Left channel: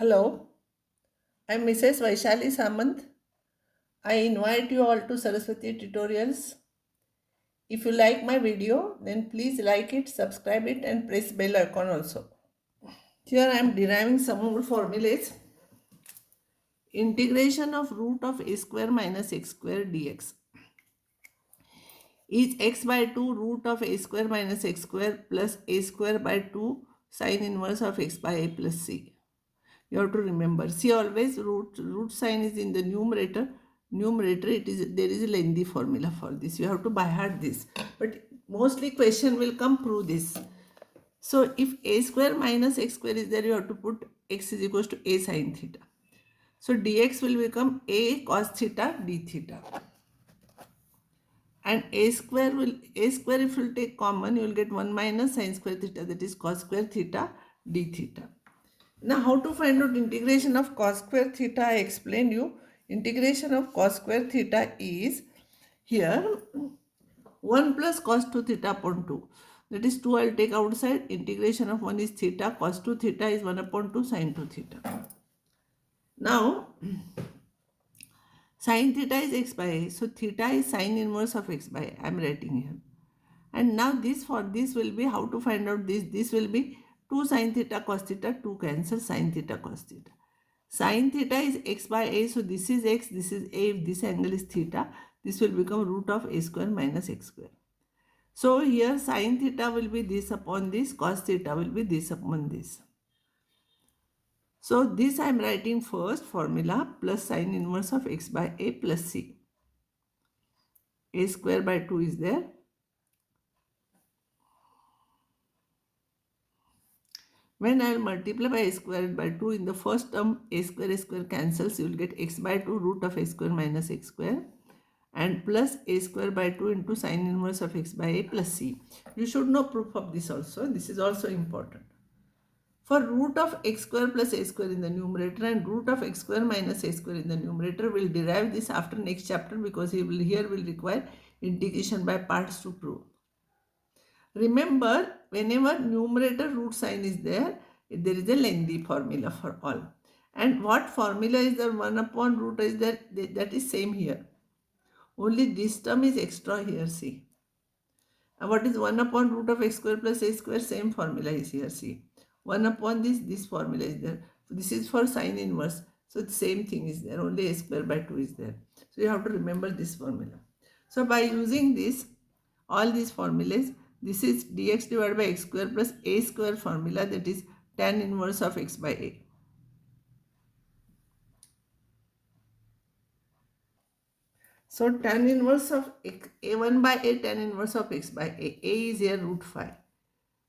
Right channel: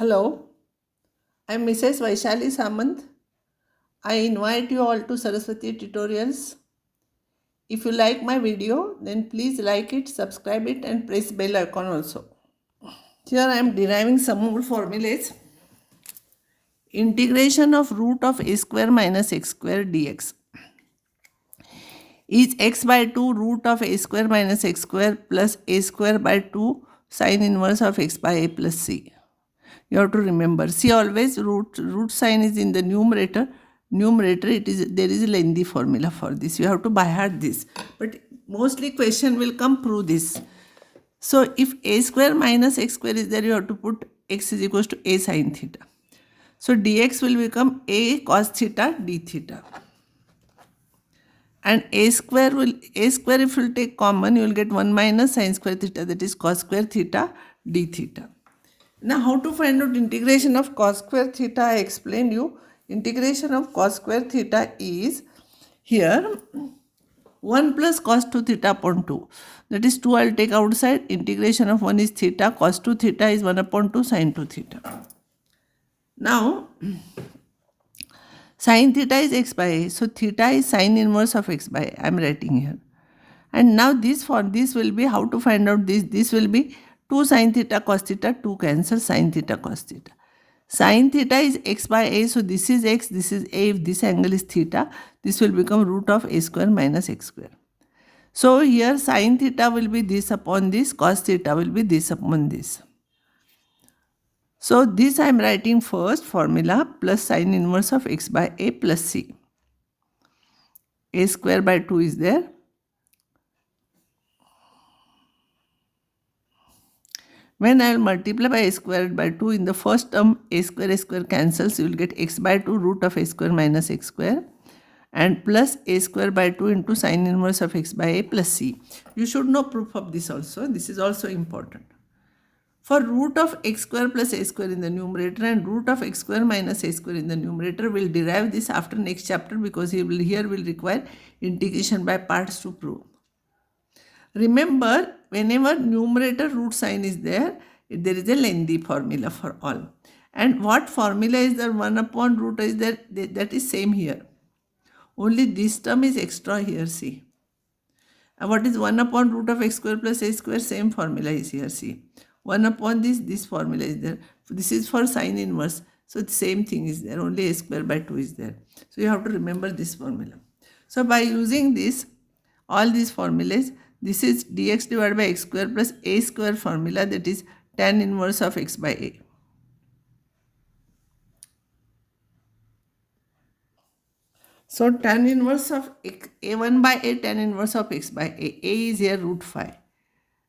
Hello, I'm Mrs. Vaishali Samant. I invite you all to Saraswati tutorials. If you like my video, then please like it, subscribe it and press bell icon also. Here I am deriving some more formulas. Integration of root of a square minus x square dx is x by 2 root of a square minus x square plus a square by 2 sine inverse of x by a plus c. You have to remember, see, always root sign is in the numerator. It is, there is a lengthy formula for this, you have to by heart this, but mostly question will come through this. So if a square minus x square is there, you have to put x is equals to a sin theta. So dx will become a cos theta d theta, and a square if you will take common, you will get 1 minus sin square theta, that is cos square theta d theta. Now, how to find out integration of cos square theta? I explained you. Integration of cos square theta is here 1 plus cos 2 theta upon 2. That is 2 I will take outside. Integration of 1 is theta. Cos 2 theta is 1 upon 2 sin 2 theta. Now, sin theta is x by a. So, theta is sin inverse of x by a. I am writing here. And now this will be, how to find out this? This will be 2 sin theta cos theta, 2 cancel sin theta cos theta. Sin theta is x by a, so this is x, this is a. If this angle is theta, this will become root of a square minus x square. So here sin theta will be this upon this, cos theta will be this upon this. So this I am writing first formula plus sin inverse of x by a plus c. A square by 2 is there. When I will multiply by a squared by 2, in the first term a square cancels, you will get x by 2 root of a square minus x square and plus a square by 2 into sin inverse of x by a plus c. You should know proof of this also. This is also important. For root of x square plus a square in the numerator and root of x square minus a square in the numerator, will derive this after next chapter, because here will require integration by parts to prove. Remember, whenever numerator root sign is there is a lengthy formula for all. And what formula is there? 1 upon root is there, that is same here. Only this term is extra here, see. And what is 1 upon root of x square plus a square? Same formula is here, see. 1 upon this formula is there. This is for sin inverse. So the same thing is there, only a square by 2 is there. So you have to remember this formula. So by using this, all these formulas, this is dx divided by x square plus a square formula, that is tan inverse of x by a. So tan inverse of a1 by a, tan inverse of x by a. A is here root 5.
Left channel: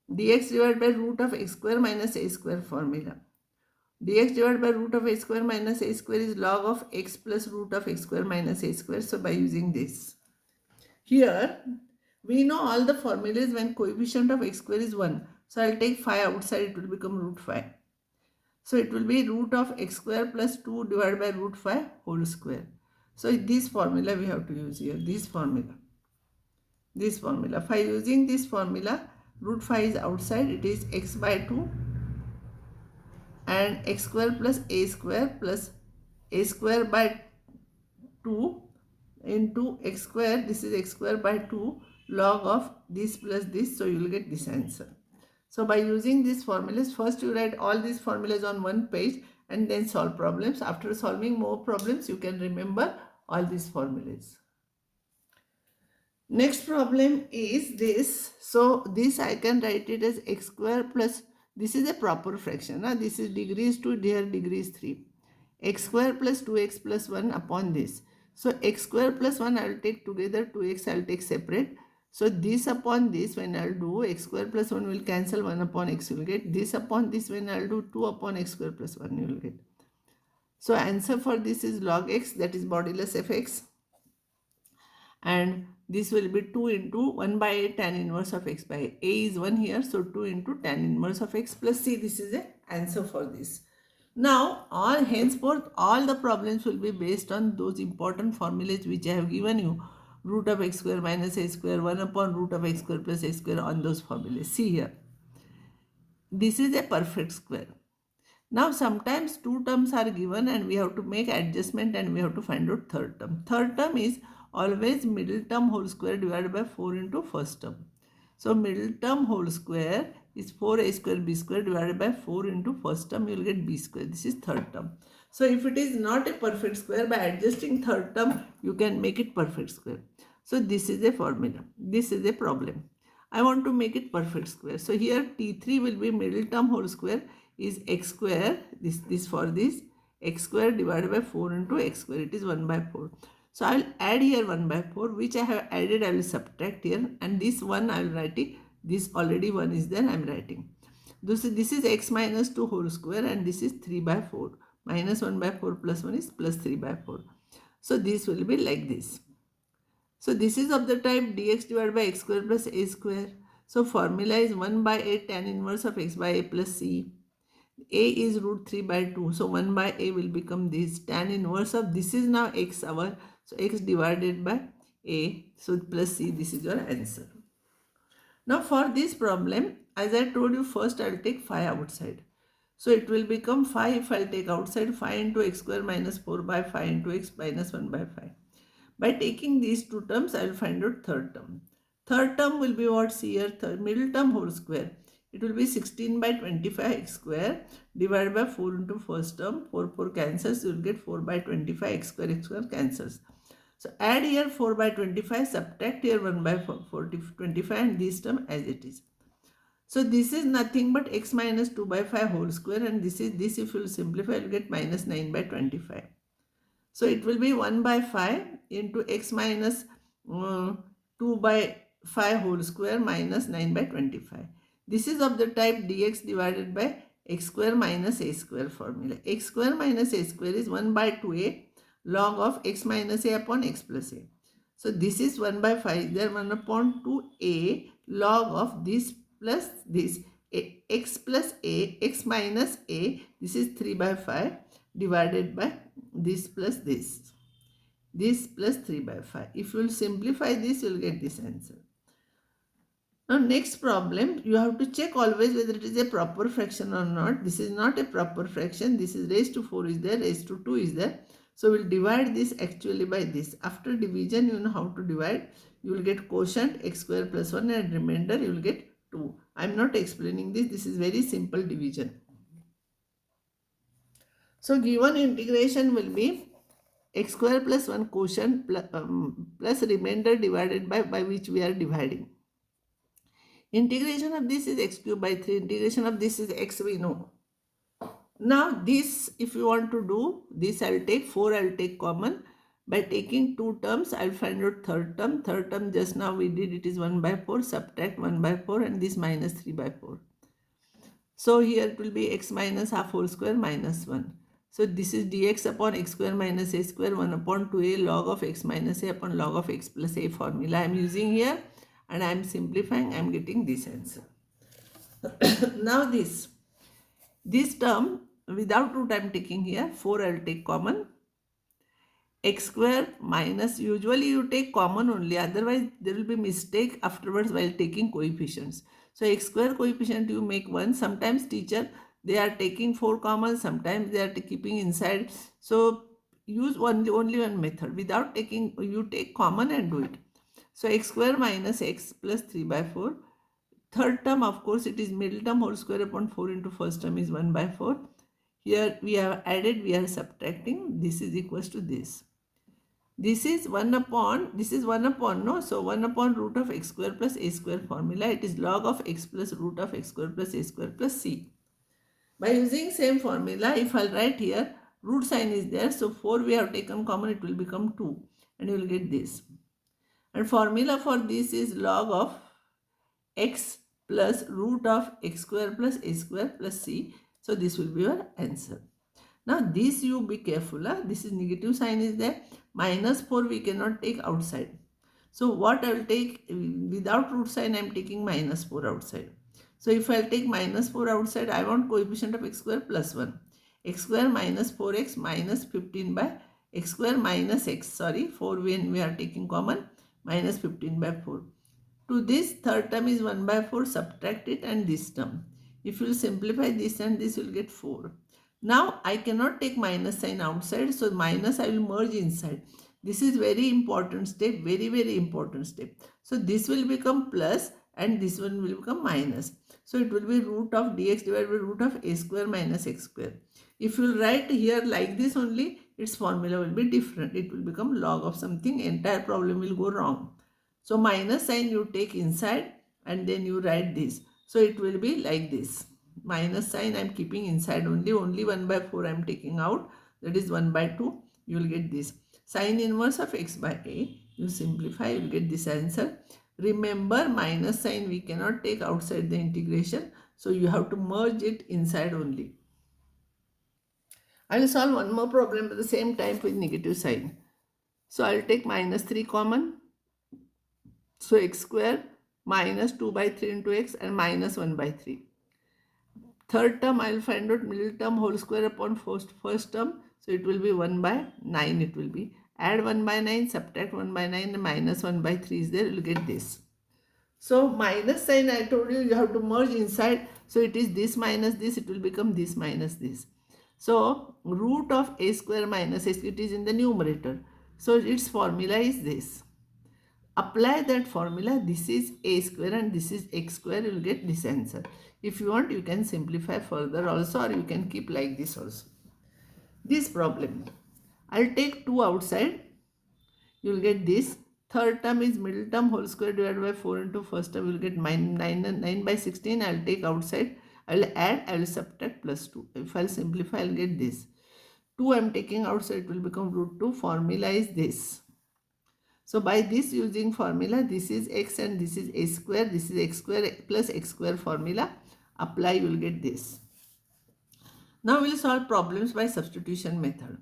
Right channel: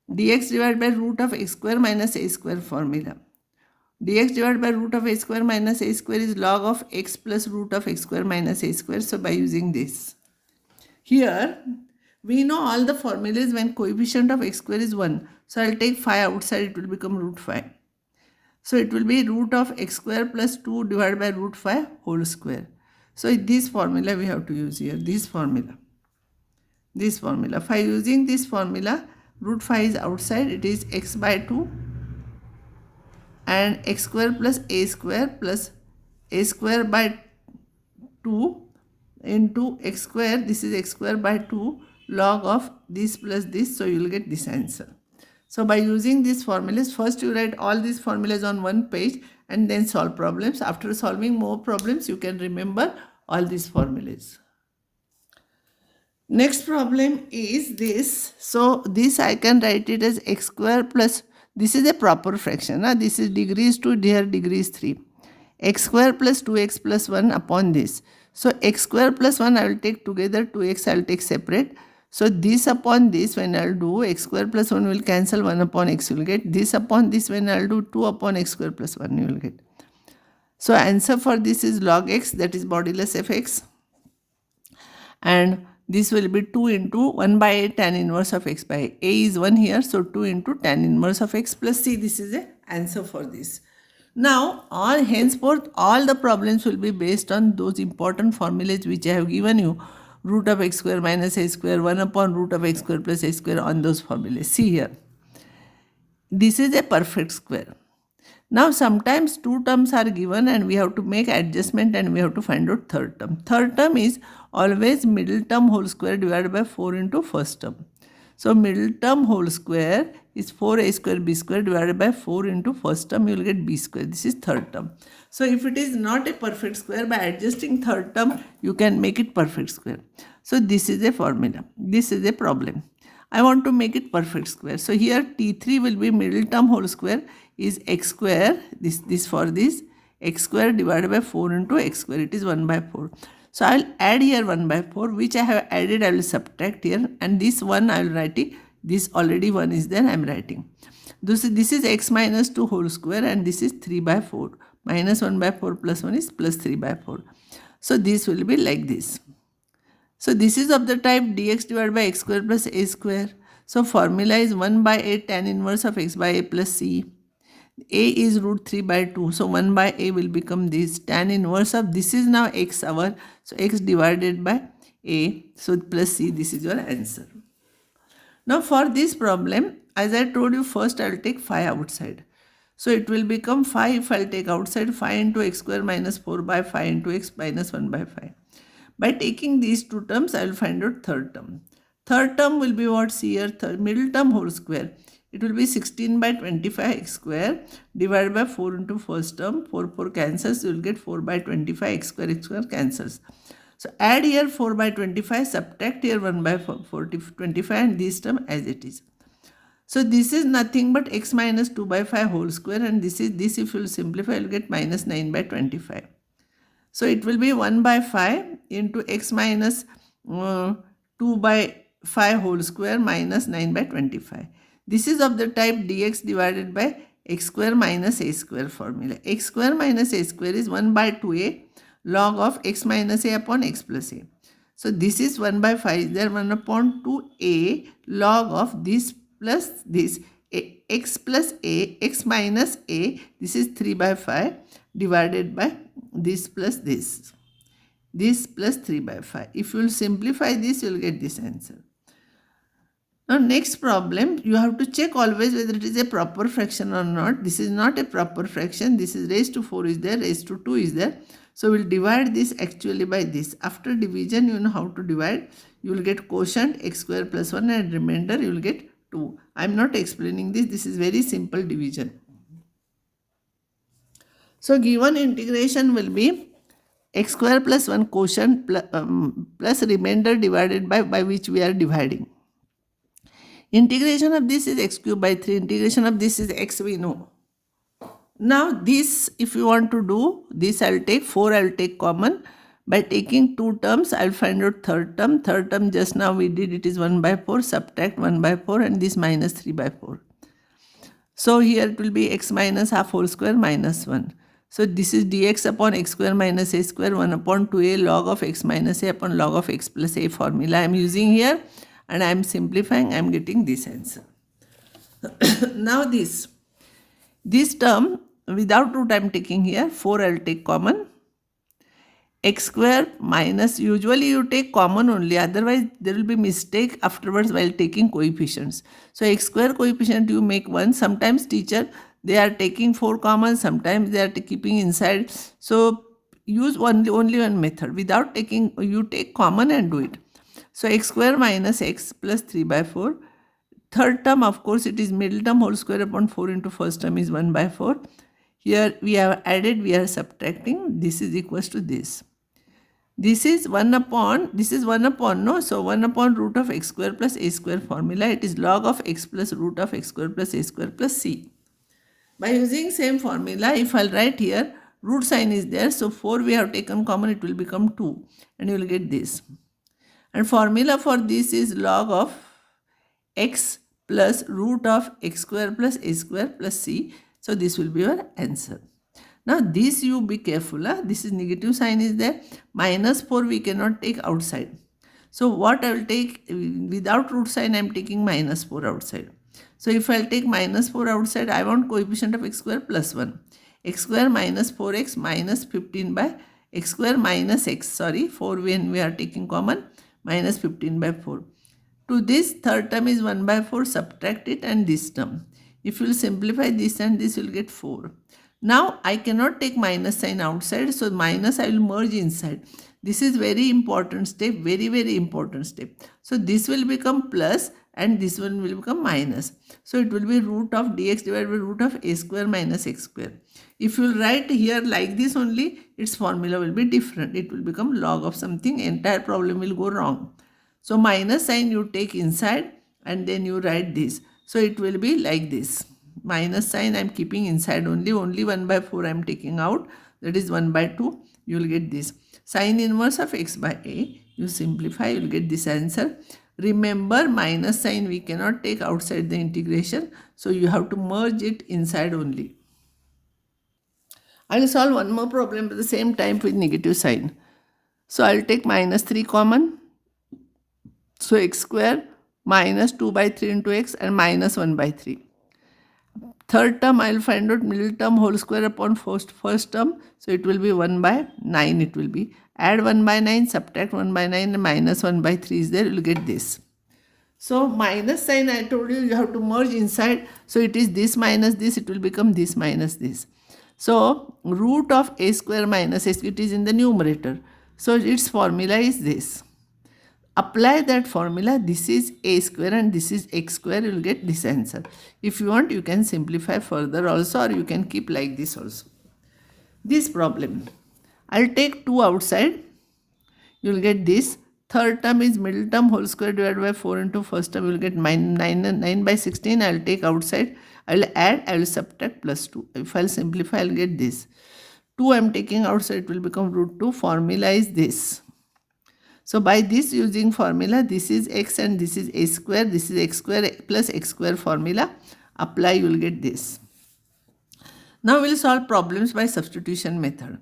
Dx divided by root of x square minus a square formula. Dx divided by root of a square minus a square is log of x plus root of x square minus a square. So by using this, here we know all the formulas when coefficient of x square is 1. So I will take 5 outside, it will become root 5. So it will be root of x square plus 2 divided by root 5 whole square. So this formula we have to use here, this formula. By using this formula, root 5 is outside, it is x by 2 and x square plus a square by 2 into x square, this is x square by 2 log of this plus this, so you will get this answer. So by using these formulas, first you write all these formulas on one page and then solve problems. After solving more problems, you can remember all these formulas. Next problem is this. So this I can write it as x square plus, this is a proper fraction. This is degrees 2, here degrees 3. X square plus 2x plus 1 upon this. So x square plus 1 I will take together, 2x I will take separate. So this upon this, when I will do, x square plus 1 will cancel, 1 upon x you will get. This upon this, when I will do, 2 upon x square plus 1 you will get. So answer for this is log x, that is modulus of x. And this will be 2 into 1 by a tan inverse of x by a. A is 1 here, so 2 into tan inverse of x plus c. This is the answer for this. Now, henceforth, all the problems will be based on those important formulas which I have given you. Root of x square minus a square, 1 upon root of x square plus a square, on those formulas. See here. This is a perfect square. Now sometimes two terms are given and we have to make adjustment and we have to find out third term. Third term is always middle term whole square divided by 4 into first term. So middle term whole square is 4a square b square divided by 4 into first term, you will get b square. This is third term. So if it is not a perfect square, by adjusting third term you can make it perfect square. So this is a formula. This is a problem. I want to make it perfect square. So here T3 will be middle term whole square is x square, this for this, x square divided by 4 into x square, it is 1 by 4. So I will add here 1 by 4, which I have added, I will subtract here, and this 1 I will write it, this already 1 is there, I am writing. This is x minus 2 whole square and this is 3 by 4. Minus 1 by 4 plus 1 is plus 3 by 4. So this will be like this. So this is of the type dx divided by x square plus a square. So formula is 1 by a tan inverse of x by a plus c. A is root 3 by 2. So 1 by a will become this. Tan inverse of this is now x hour. So x divided by a. So plus c, this is your answer. Now for this problem, as I told you, first I will take 5 outside. So it will become 5 if I will take outside 5 into x square minus 4 by 5 into x minus 1 by 5. By taking these two terms, I will find out third term. Third term will be what? See here, middle term whole square. It will be 16 by 25 x square divided by 4 into first term. 4 cancels, you will get 4 by 25 x square cancels. So add here 4 by 25, subtract here 1 by 25 and this term as it is. So this is nothing but x minus 2 by 5 whole square, and this is this, if you will simplify, you will get minus 9 by 25. So it will be 1 by 5 into x minus 2 by 5 whole square minus 9 by 25. This is of the type dx divided by x square minus a square formula. X square minus a square is 1 by 2a log of x minus a upon x plus a. So this is 1 by 5, there 1 upon 2a log of this plus this, x plus a, x minus a, this is 3 by 5 divided by this plus this plus 3 by 5. If you will simplify this, you will get this answer. Now next problem, you have to check always whether it is a proper fraction or not. This is not a proper fraction. This is raised to 4 is there, raised to 2 is there. So we will divide this actually by this. After division, you know how to divide. You will get quotient x square plus 1 and remainder you will get 2. I am not explaining this. This is very simple division. So given integration will be x square plus 1 quotient plus remainder divided by which we are dividing. Integration of this is x cube by 3. Integration of this is x, we know. Now this, if you want to do this, I will take 4, I will take common. By taking two terms, I will find out third term. Third term just now we did, it is 1 by 4, subtract 1 by 4 and this minus 3 by 4. So here it will be x minus half whole square minus 1. So this is dx upon x square minus a square 1 upon 2a log of x minus a upon log of x plus a formula I am using here, and I am simplifying, I am getting this answer. Now this term without root I am taking here, 4 I will take common. X square minus, usually you take common only, otherwise there will be mistake afterwards while taking coefficients. So x square coefficient you make 1. Sometimes teacher, they are taking 4 common, sometimes they are keeping inside. So use only one method. Without taking, you take common and do it. So x square minus x plus 3 by 4. Third term, of course, it is middle term whole square upon 4 into first term is 1 by 4. Here we have added, we are subtracting. This is equals to this. This is 1 upon, no? So 1 upon root of x square plus a square formula. It is log of x plus root of x square plus a square plus c. By using same formula, if I'll write here, root sign is there. So 4 we have taken common, it will become 2. And you will get this. And formula for this is log of x plus root of x square plus a square plus c. So this will be your answer. Now this you be careful. This is negative sign is there. Minus 4 we cannot take outside. So what I will take, without root sign I am taking minus 4 outside. So if I will take minus 4 outside, I want coefficient of x square plus 1. X square minus 4x minus 15 by x square minus x, 4 when we are taking common, minus 15 by 4. To this third term is 1 by 4, subtract it and this term. If you will simplify this and this, you will get 4. Now I cannot take minus sign outside, so minus I will merge inside. This is very important step, very important step. So this will become plus and this one will become minus. So it will be root of dx divided by root of a square minus x square. If you write here like this only, its formula will be different. It will become log of something, entire problem will go wrong. So minus sign you take inside and then you write this. So it will be like this. Minus sign I am keeping inside only 1 by 4 I am taking out. That is 1 by 2. You will get this. Sine inverse of x by a. You simplify, you will get this answer. Remember, minus sign we cannot take outside the integration. So you have to merge it inside only. I will solve one more problem at the same time with negative sign. So I will take minus 3 common. So x square minus 2 by 3 into x and minus 1 by 3. Third term I will find out middle term whole square upon first term. So it will be 1 by 9 it will be. Add 1 by 9, subtract 1 by 9 and minus 1 by 3 is there. You will get this. So minus sign I told you, you have to merge inside. So it is this minus this, it will become this minus this. So root of a square minus x, it is in the numerator. So its formula is this. Apply that formula. This is a square and this is x square. You will get this answer. If you want, you can simplify further also, or you can keep like this also. This problem, I'll take 2 outside. You will get this. Third term is middle term whole square divided by 4 into first term. You will get 9 by 16. I will take outside. I will add. I will subtract plus 2. If I will simplify, I will get this. 2 I am taking outside. It will become root 2. Formula is this. So by this using formula, this is x and this is a square. This is x square plus x square formula. Apply, you will get this. Now we will solve problems by substitution method.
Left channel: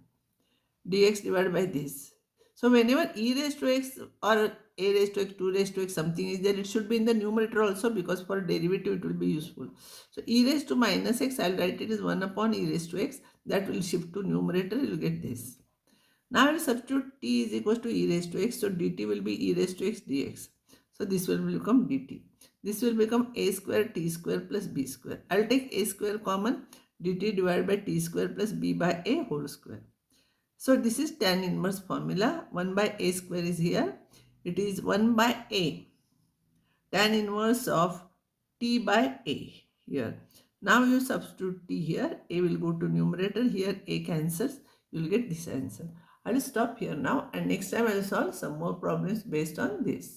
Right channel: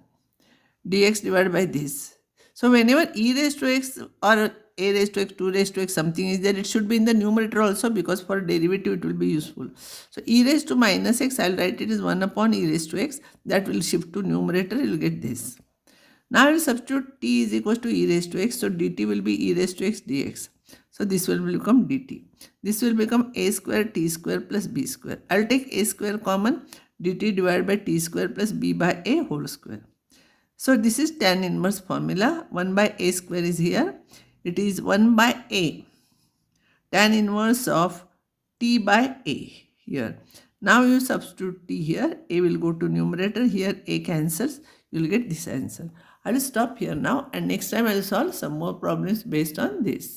Dx divided by this. So whenever e raised to x or a raised to x, 2 raised to x something is there, it should be in the numerator also, because for derivative it will be useful. So e raised to minus x, I will write it as 1 upon e raised to x. That will shift to numerator, you will get this. Now I will substitute t is equals to e raised to x. So dt will be e raised to x dx. So this will become dt. This will become a square t square plus b square. I will take a square common, dt divided by t square plus b by a whole square. So this is tan inverse formula. 1 by a square is here. It is 1 by a. Tan inverse of t by a here. Now you substitute t here. A will go to numerator. Here a cancels. You will get this answer. I will stop here now, and next time I will solve some more problems based on this.